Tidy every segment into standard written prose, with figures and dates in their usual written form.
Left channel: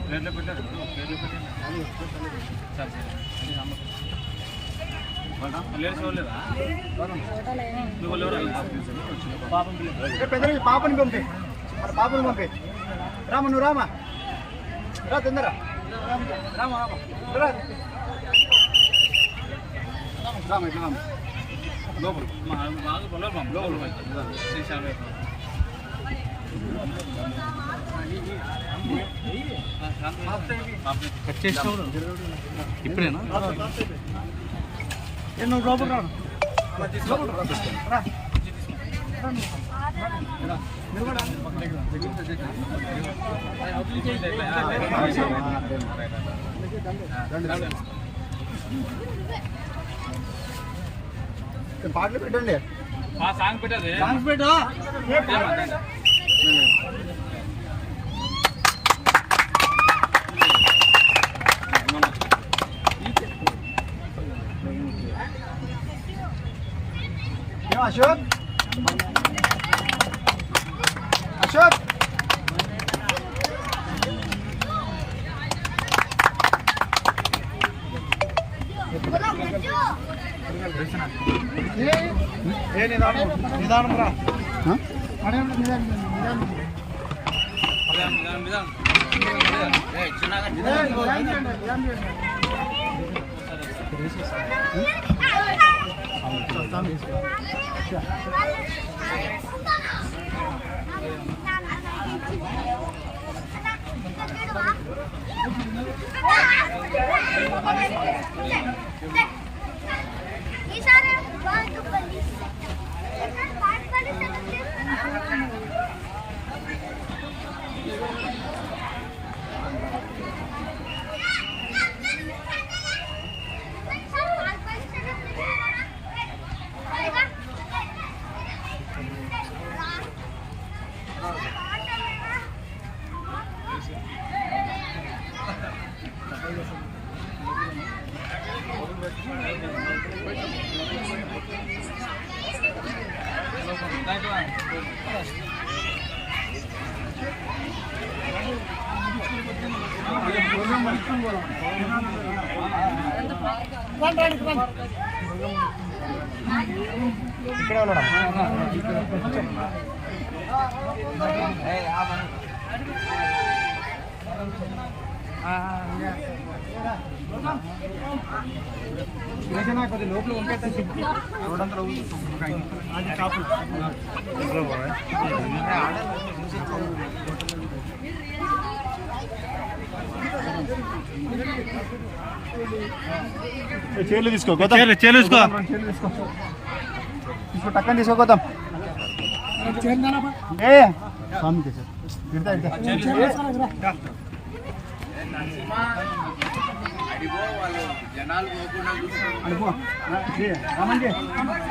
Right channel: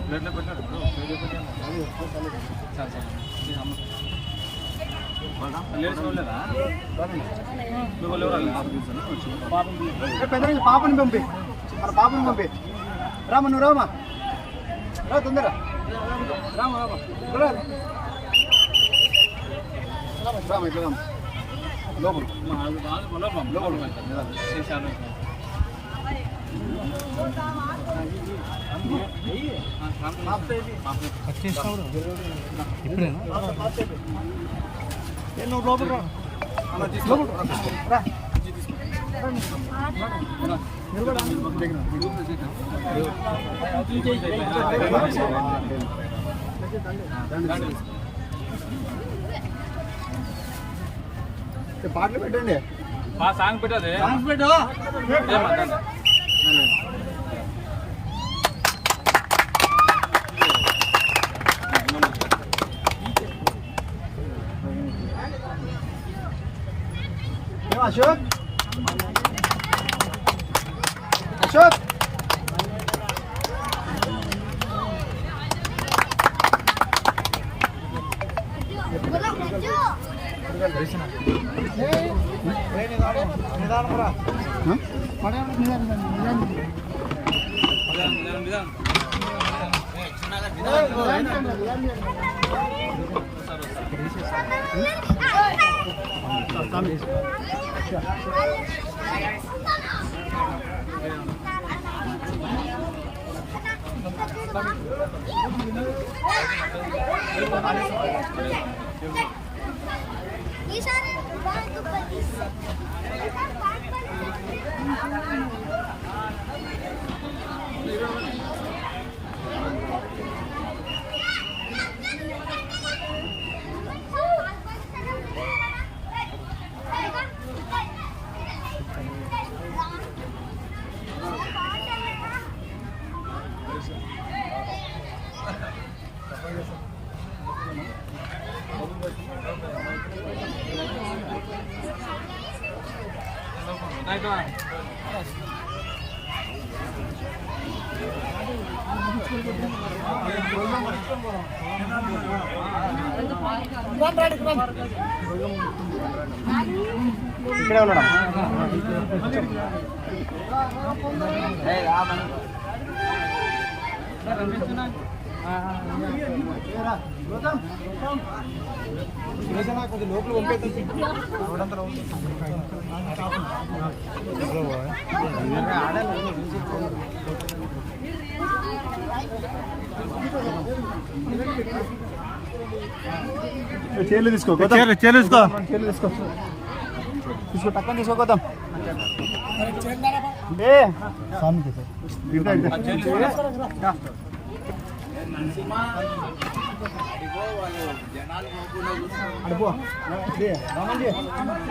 ప్లేట్లో పెట్టారు పాపని పంపి మన పాపని పంపి రామ నువ్వు రామా రా తొందర రామ రామ రామ ఇట్లా రామ లోపల ఇప్పుడేనా నువ్వు లోపల రా పాటలు పెట్టండి సాంగ్ పెట్టదు సాంగ్స్ పెట్టు అశోక్ అశోక్ నిదానం రా ఇక్కడే ఉన్నాడా కొద్ది లోపల పంపేస్తే చేలు తీసుకో చేలు తీసుకో తీసుకో టక్కన తీసుకోపోతాం ఏ రామండి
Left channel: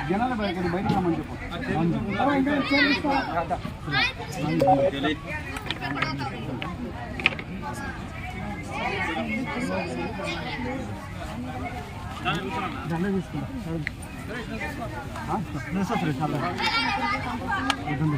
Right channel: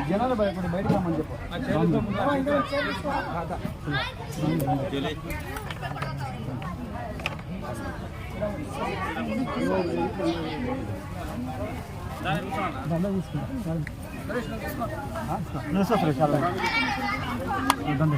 జనాలు బయటకు రమ్మని చెప్పు దండ తీసుకుంటా చాలా దండ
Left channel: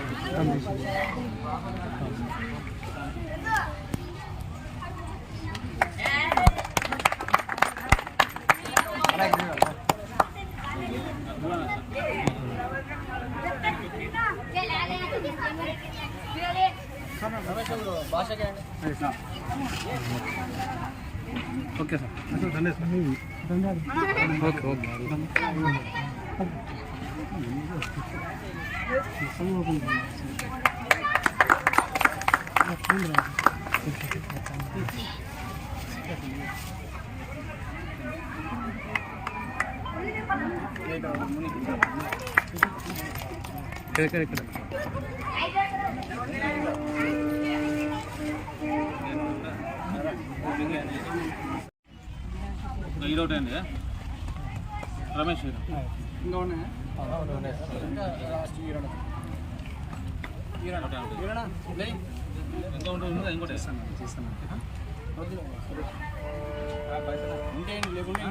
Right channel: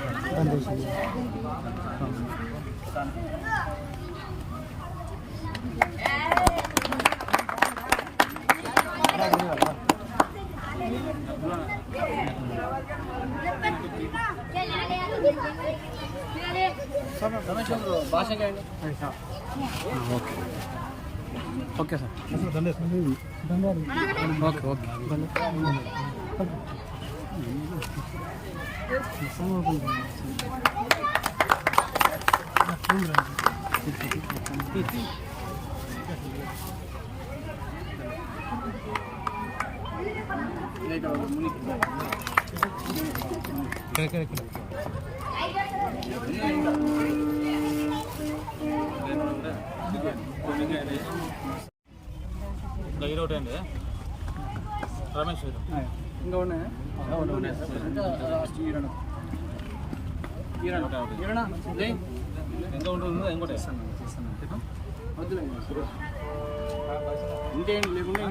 ఓకే సార్ ఓకే ఓకే ఇక్కడ ఈరోజు అండి రమేష్ ఇంకా ఉన్నాయా ఎంత ఉంటుంది ఇంకోటి చేస్తాను ఇంకేం లేకుండా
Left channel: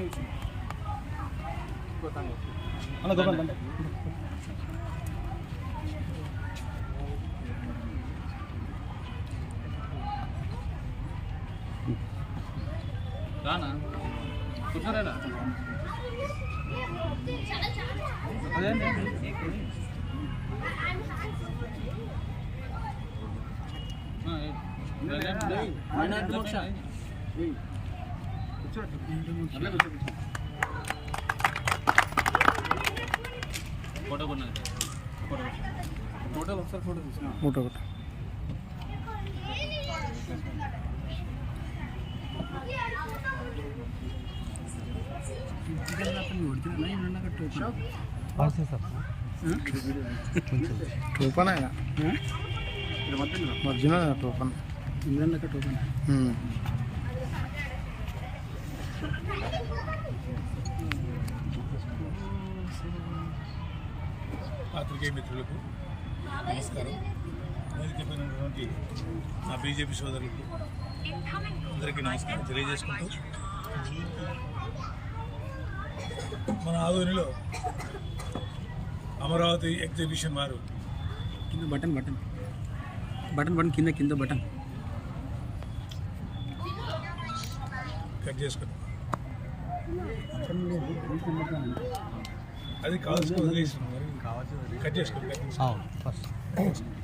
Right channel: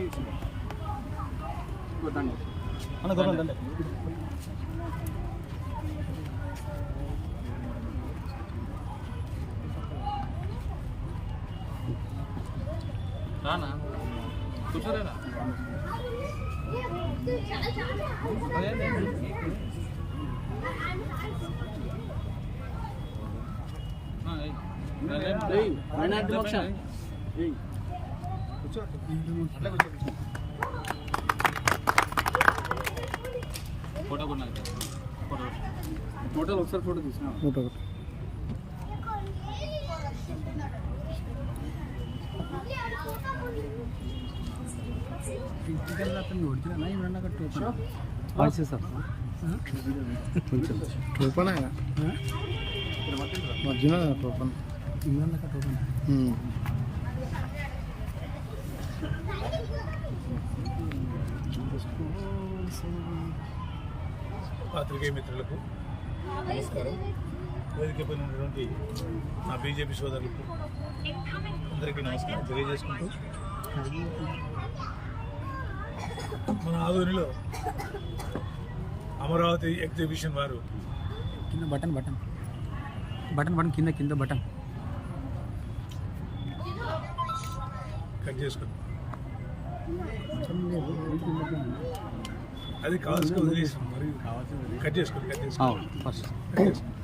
రానా కూర్చోరేనా అదేంటి ఫోటో కొన్నా ఫోటోలు ఒకసారి ఫోటో తీసుకున్నా ఫోటో ఒకటి టోపన్ ఒరిజినల్ టోపన్ పాత్రికేయ మిత్రులకు నమస్కారం. వేదికపైనటువంటి నా బీజేపీ సోదరులకు అందరికీ నమస్కారం తెలియజేసుకుంటూ, మన ఆదోనిలో అమరావతి ఎగ్జిబిషన్ వారు కింద బటన్ బటన్ బటన్ బటన్ కింద కింద బటన్ కట్ చేసుకున్నాం. అది కావాల్సిన వదిలేసాం, మరి కట్ చేసుకుని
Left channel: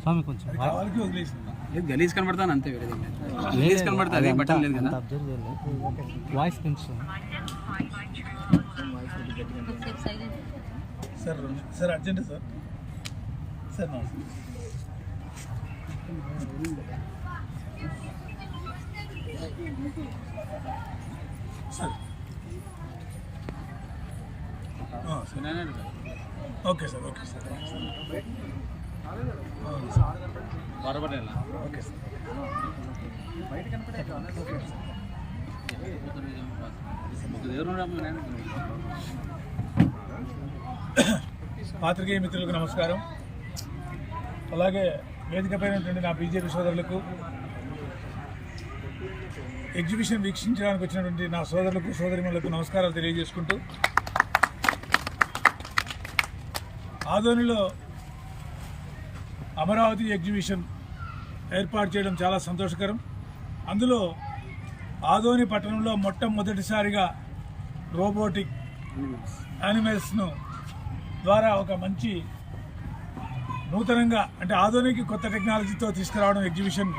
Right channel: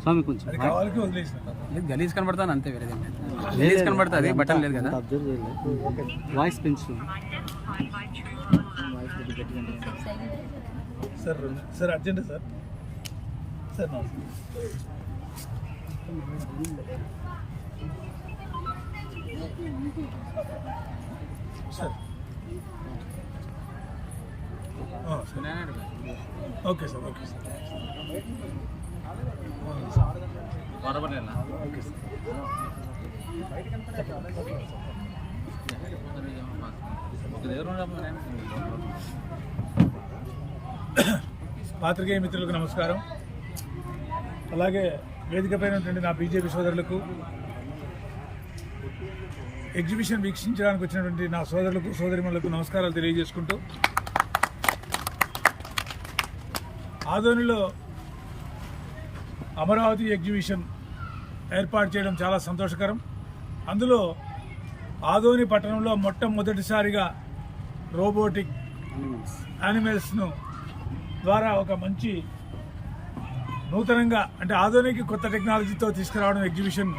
స్వామి కొంచెం అది కావాలని వదిలేసాం. గలీజ్ కనబడతాను అంతే, వేరే గలీజ్ కనబడుతుంది, బటన్ లేదు కదా. వాయిస్ పెంచు sir sir urgent sir sir నమస్తే. Sir okay sir okay sir వరబడేలా ఓకే సార్ పాత్రికేయ మిత్రులకు నమస్కారం. అలాగే వేదికపైన నా బీజేపీ సోదరులకు, ఎగ్జిబిషన్ వీక్షించడానికి వచ్చినటువంటి నా సోదరులకు సోదరిమణులకు నమస్కారాలు తెలియజేసుకుంటూ, ఆదోనిలో అమరావతి ఎగ్జిబిషన్ ఏర్పాటు చేయడం చాలా సంతోషకరం. అందులో ఆదోని పట్టణంలో మొట్టమొదటిసారిగా రోబోటిక్ యానిమల్స్ను ద్వారా ఒక మంచి నూతనంగా, అంటే ఆధునిక కొత్త టెక్నాలజీతో తీసుకురావడం ఎగ్జిబిషన్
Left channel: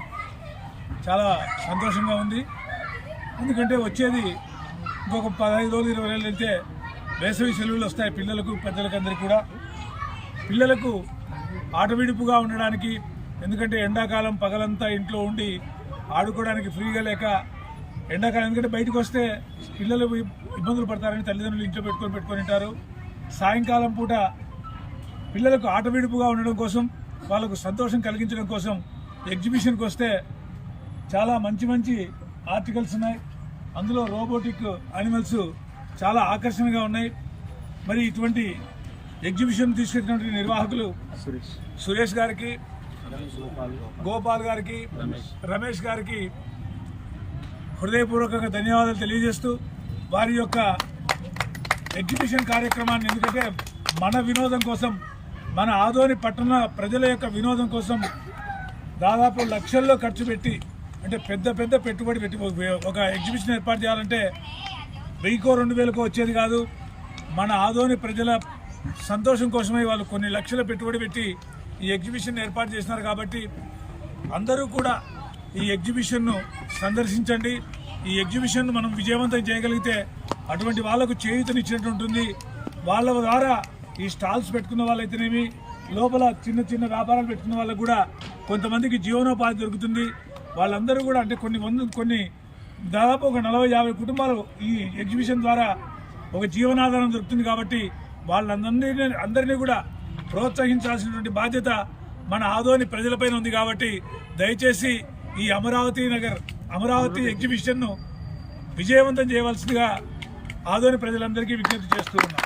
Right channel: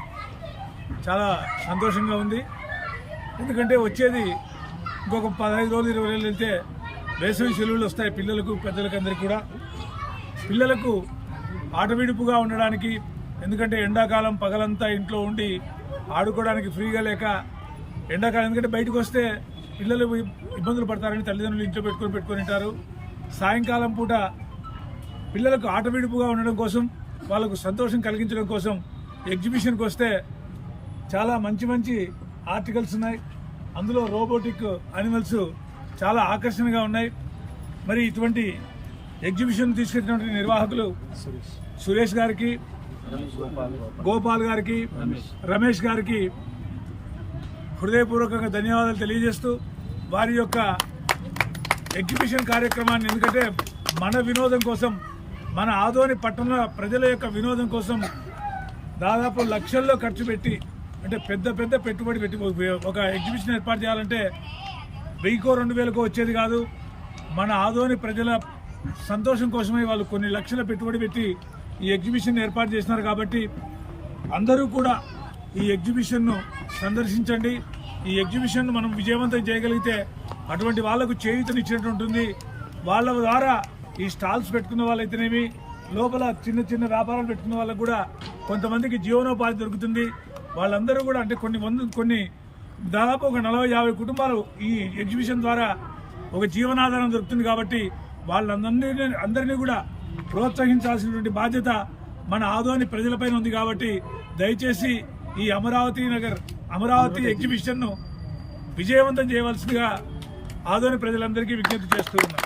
చాలా సంతోషంగా ఉంది. ఎందుకంటే వచ్చేది ఇంకొక 15 రోజులు 20 రోజులు వెళ్తే వేసవి సెలవులు వస్తాయి పిల్లలకు పెద్దలకు అందరికీ కూడా. పిల్లలకు ఆటవిడుపుగా ఉండడానికి, ఎందుకంటే ఎండాకాలం పగలంతా ఇంట్లో ఉండి ఆడుకోవడానికి ఫ్రీగా లేక, ఎండాకాలం ఎందుకంటే బయటకు వస్తే పిల్లలు ఇబ్బందులు పడతారని తల్లిదండ్రులు ఇంట్లో పెట్టుకొని ఉంటారు. సాయంకాలం పూట పిల్లలకు ఆటవిడుపుగా ఉండడం కోసం, వాళ్ళకు సంతోషం కలిగించడం కోసం ఎగ్జిబిషన్కి వస్తే చాలా మంచి మంచి ఆర్టికల్స్ ఉన్నాయి. అందులో రోబోటిక్ యానిమల్స్ చాలా ఆకర్షణగా ఉన్నాయి. మరి ఇటువంటి ఎగ్జిబిషన్ తీసుకెళ్ళినటువంటి నిర్వాహకులు సురేష్ గారికి, గోపాల్ గారికి, రమేష్ గారికి హృదయపూర్వకంగా ధన్యవాదాలు తెలియజేస్తూ, వారి యొక్క ఎగ్జిబిషన్ కార్యక్రమాన్ని, ఎందుకంటే మన వినోదం కోసం, మన ఆదోని పట్టణ ప్రజల యొక్క వినోదం కోసం దాదాపు లక్షల్లో ఖర్చు పెట్టి, అంటే పెద్ద పెద్ద పెట్టుబడి పెట్టి ఒక ఎగ్జిబిషన్ ఏర్పాటు చేయాలంటే 1000-2000 వచ్చేది కాదు. మన ఆదోని ప్రజల సంతోషం కోసమే వాళ్ళు కొన్ని లక్షల పెట్టుబడి పెట్టి ఈ ఎగ్జిబిషన్ ఏర్పాటు చేస్తున్నారు. కాబట్టి అందరూ కూడా ఈ ఎగ్జిబిషన్ను సందర్శించండి. ఈ ఎగ్జిబిషన్ను మనం విజయవంతం చేయగలిగితే అటువంటి వాళ్లకు చేయూతనిచ్చినట్టు ఉంటుంది. వాళ్ళ ద్వారా ఈ స్టాల్స్ పెట్టుకున్న వాళ్ళైతేనేమి, లోపల చిన్న చిన్న వ్యాపారాలు పెట్టుకున్న వాళ్ళకు కూడా కొంతమందికి జీవనోపాధి దొరుకుతుంది. వాళ్ళందరూ కూడా, అంటే కొన్ని దాదాపు ఒక 40-50 కుటుంబాలు ఈ ఎగ్జిబిషన్ ద్వారా ఒక జీవనాధారం దొరుకుతుంది. కాబట్టి వాళ్ళందరినీ కూడా ప్రోత్సహించాల్సినటువంటి బాధ్యత మన ఆదోని ప్రజలపైన ఉంది. కాబట్టి దయచేసి ఈ అమరావతి ఎగ్జిబిషన్ను విజయవంతం చేయవలసిందిగా ఆదోని ప్రజలందరికీ విజ్ఞప్తి చేస్తూ ఉన్నాం.